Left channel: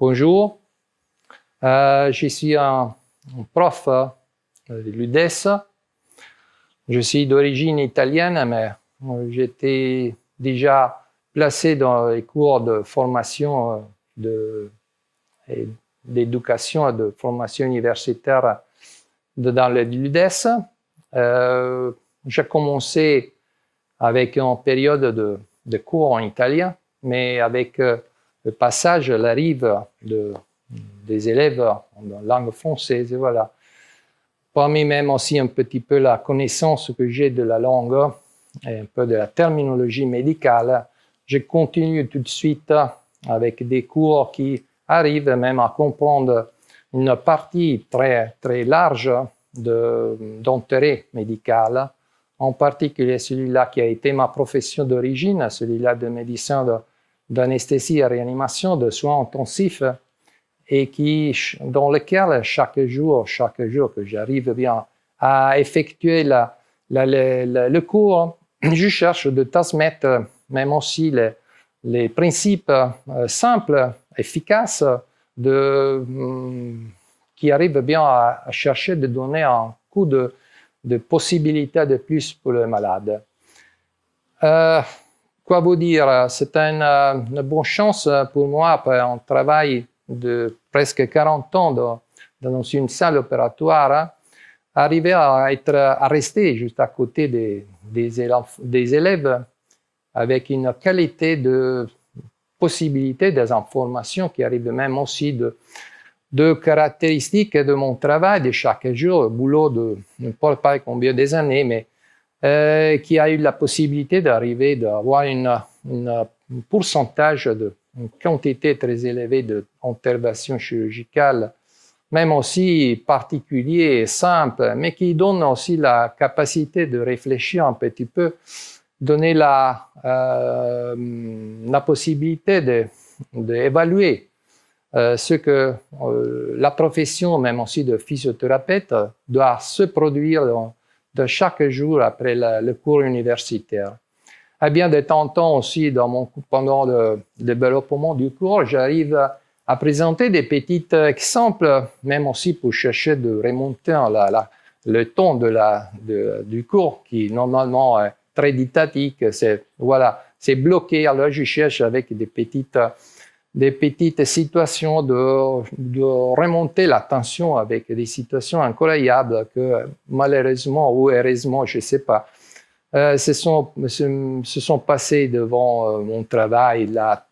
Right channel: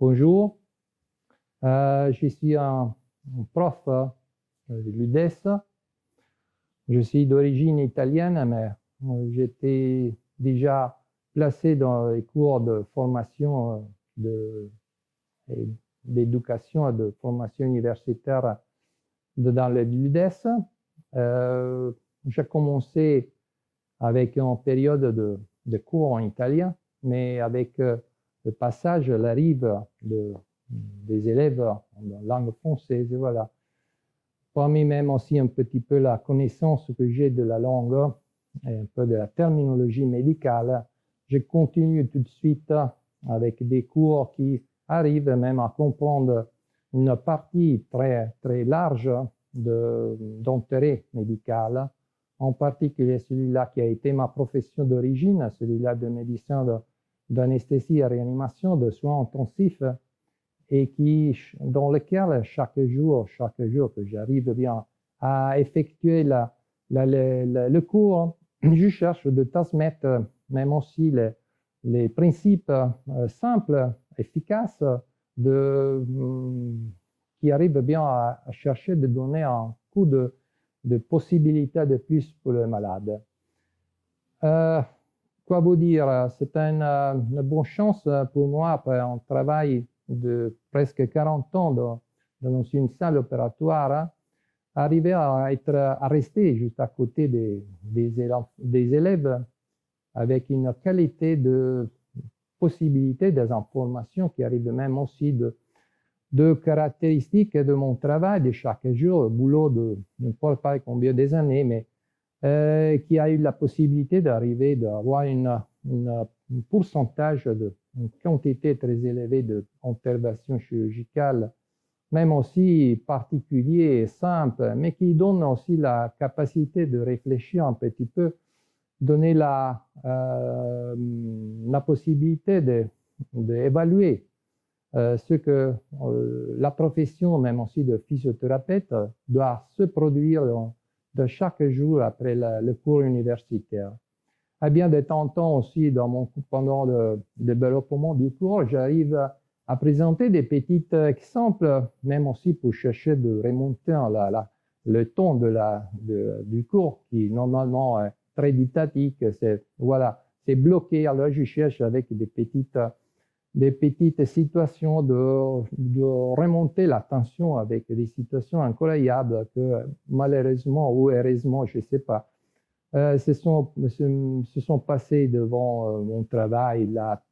Bonjour, je suis un prof de l'UDES. Je suis d'origine italienne, mais j'étais déjà placé dans les cours de formation d'éducation et de formation universitaire dans l'UDES. J'ai commencé avec une période de cours en italien, mais avec le passage, l'arrivée des élèves en langue française, et voilà. Parmi même aussi un petit peu la connaissance que j'ai de la langue et un peu de la terminologie médicale, je continue tout de suite avec des cours qui arrivent même à comprendre une partie très, très large d'intérêt médical, en particulier celui-là qui a été ma profession d'origine, celui-là de médecin d'anesthésie et réanimation, de soins intensifs, et dans lequel chaque jour que j'arrive bien à effectuer le cours, je cherche de transmettre même aussi les principes simples, efficaces, qui arrivent bien à chercher de donner un coup de possibilités de plus pour le malade. Quoi vous dire, c'est une bonne chance pour moi après un travail de presque 40 ans dans une salle opératoire, arriver à rester juste à côté des élèves avec une qualité de possibilité des informations qui arrivent même aussi de caractéristiques de mon travail de chaque jour, boulot de n'importe pas combien des années, mais qui a eu la possibilité d'arriver d'avoir un pourcentage une quantité très élevée d'interventions chirurgicales, même aussi particulier et simple, mais qui donne aussi la capacité de réfléchir un petit peu, donner la possibilité d'évaluer ce que la profession, même aussi de physiothérapeute, doit se produire de chaque jour après le cours universitaire. Et bien de temps en temps aussi, pendant le développement du cours, j'arrive à présenter des petits exemples, même aussi pour chercher de remonter le ton du cours, qui normalement est très didactique, c'est bloqué. Alors je cherche avec des petites situations de remonter l'attention avec des situations incroyables que malheureusement ou heureusement, je ne sais pas, se sont passées devant mon travail. La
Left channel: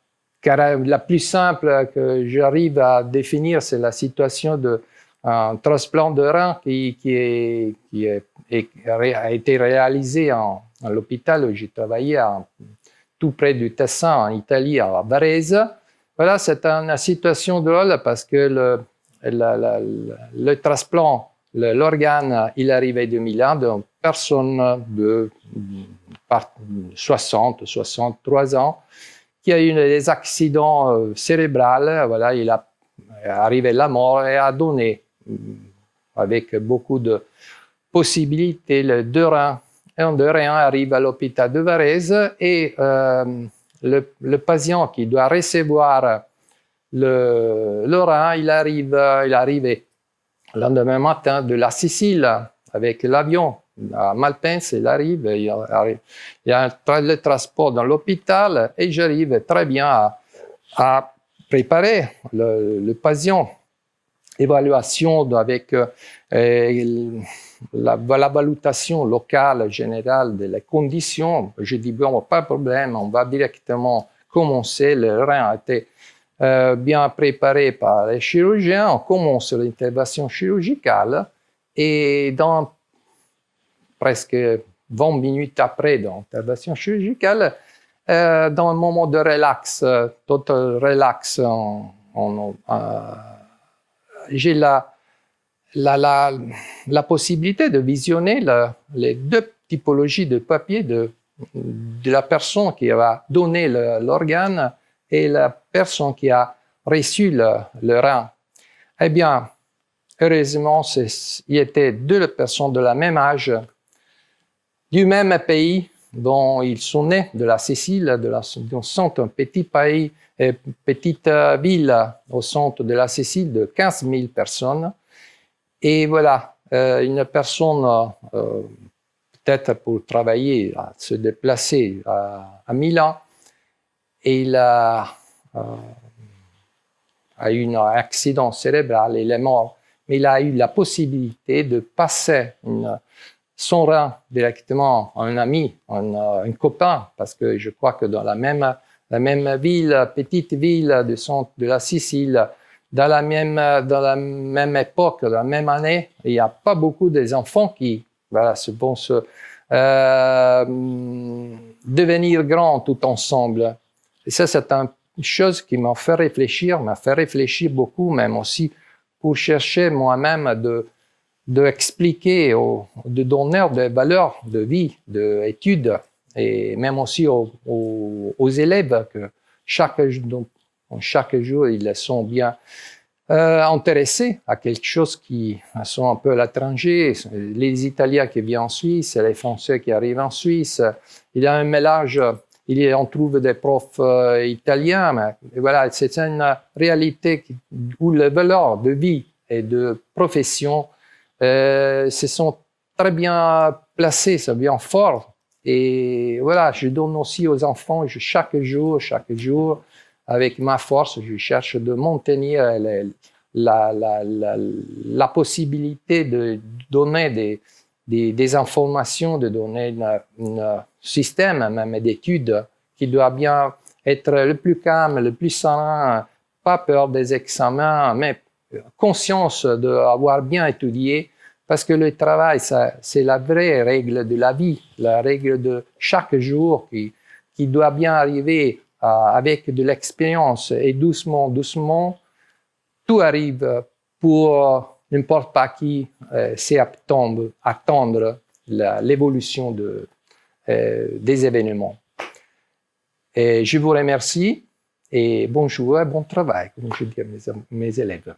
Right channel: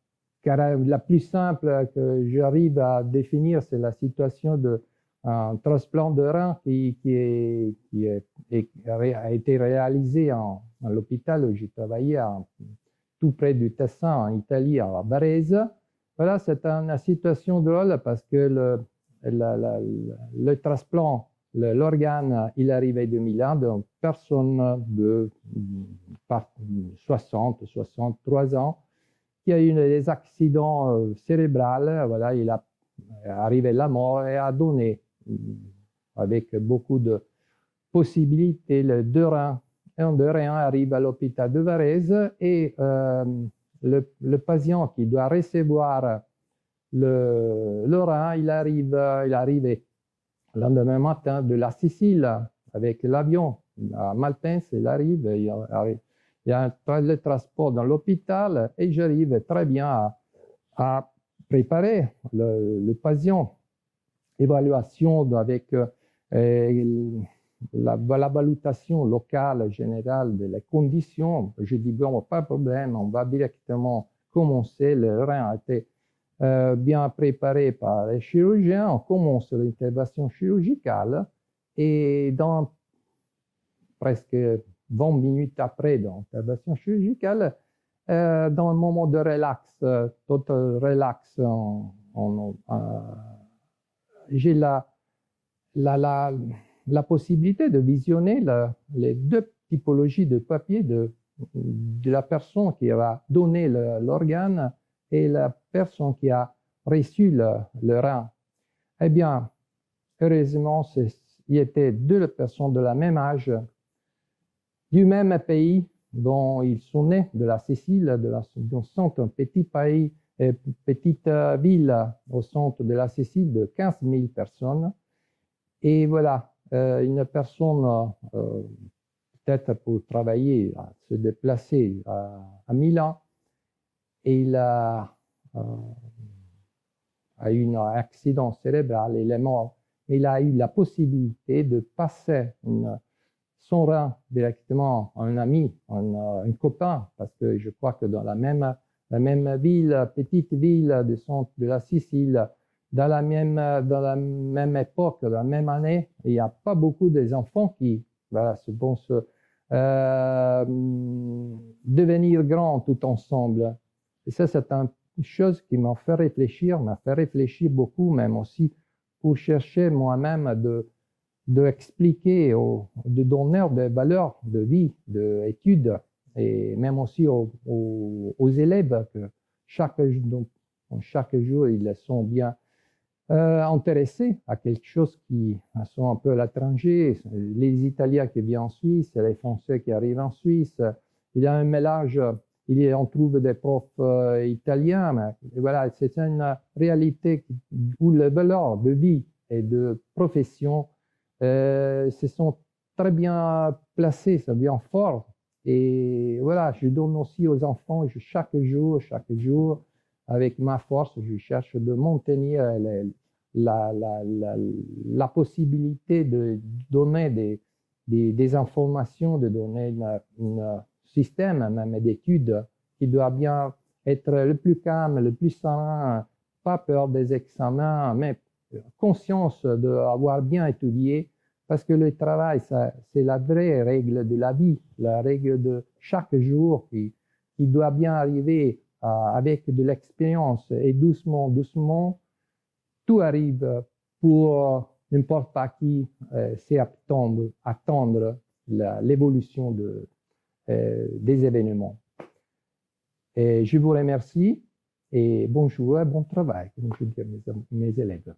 plus simple que j'arrive à définir, c'est la situation d'un transplant de rein qui a été réalisé à l'hôpital où j'ai travaillé, tout près du Tessin, en Italie, à Varese. Voilà, c'est une situation drôle parce que le transplant, l'organe, il arrivait de Milan, d'une personne de 60, 63 ans, qui a eu des accidents cérébraux. Voilà, il a arrivé à la mort et a donné, avec beaucoup de possibilités, le deux reins. Un de reins arrive à l'hôpital de Varese et le patient qui doit recevoir le rein, il arrivait le lendemain matin de la Sicile avec l'avion à Malpensa. Il y a le transport dans l'hôpital et j'arrive très bien à préparer le patient. Évaluation avec la valutation locale générale des conditions. Je dis, bon, pas de problème, on va directement commencer. Le rein a été bien préparé par les chirurgiens. On commence l'intervention chirurgicale et dans presque 20 minutes après l'intervention chirurgicale, dans un moment de relax, total relax, j'ai la possibilité de visionner les deux typologies de papier de la personne qui va donner l'organe et la personne qui a reçu le rein. Eh bien, heureusement, il y était deux personnes de la même âge, du même pays, dont ils sont nés de la Sicile, d'un centre, un petit pays, petite ville au centre de la Sicile de 15 000 personnes. Et voilà, une personne, peut-être pour travailler, à se déplacer à Milan, et il a eu un accident cérébral, il est mort. Mais il a eu la possibilité de passer son rein directement à un ami, un copain, parce que je crois que dans la même ville, petite ville du centre de la Sicile, dans la même époque, dans la même année, il n'y a pas beaucoup d'enfants qui vont se devenir grands tout ensemble. Et ça, c'est une chose qui m'a fait réfléchir beaucoup, même aussi pour chercher moi-même de expliquer, de donner des valeurs de vie, d'études, et même aussi aux élèves que chaque jour, ils sont bien intéressés à quelque chose qui sont un peu à l'étranger. Les Italiens qui viennent en Suisse, les Français qui arrivent en Suisse. Il y a un mélange, on trouve des profs italiens, mais voilà, c'est une réalité où les valeurs de vie et de profession se sont très bien placées, sont bien fortes. Et voilà, je donne aussi aux enfants, chaque jour, avec ma force, je cherche de maintenir la possibilité de donner des informations, de donner un système même d'études qui doit bien être le plus calme, le plus serein, pas peur des examens, mais conscience d'avoir bien étudié, parce que le travail, c'est la vraie règle de la vie, la règle de chaque jour qui doit bien arriver avec de l'expérience, et doucement, doucément, tout arrive pour n'importe pas qui sait attendre l'évolution des événements. Et je vous remercie et bonjour et bon travail, comme je dis à mes élèves.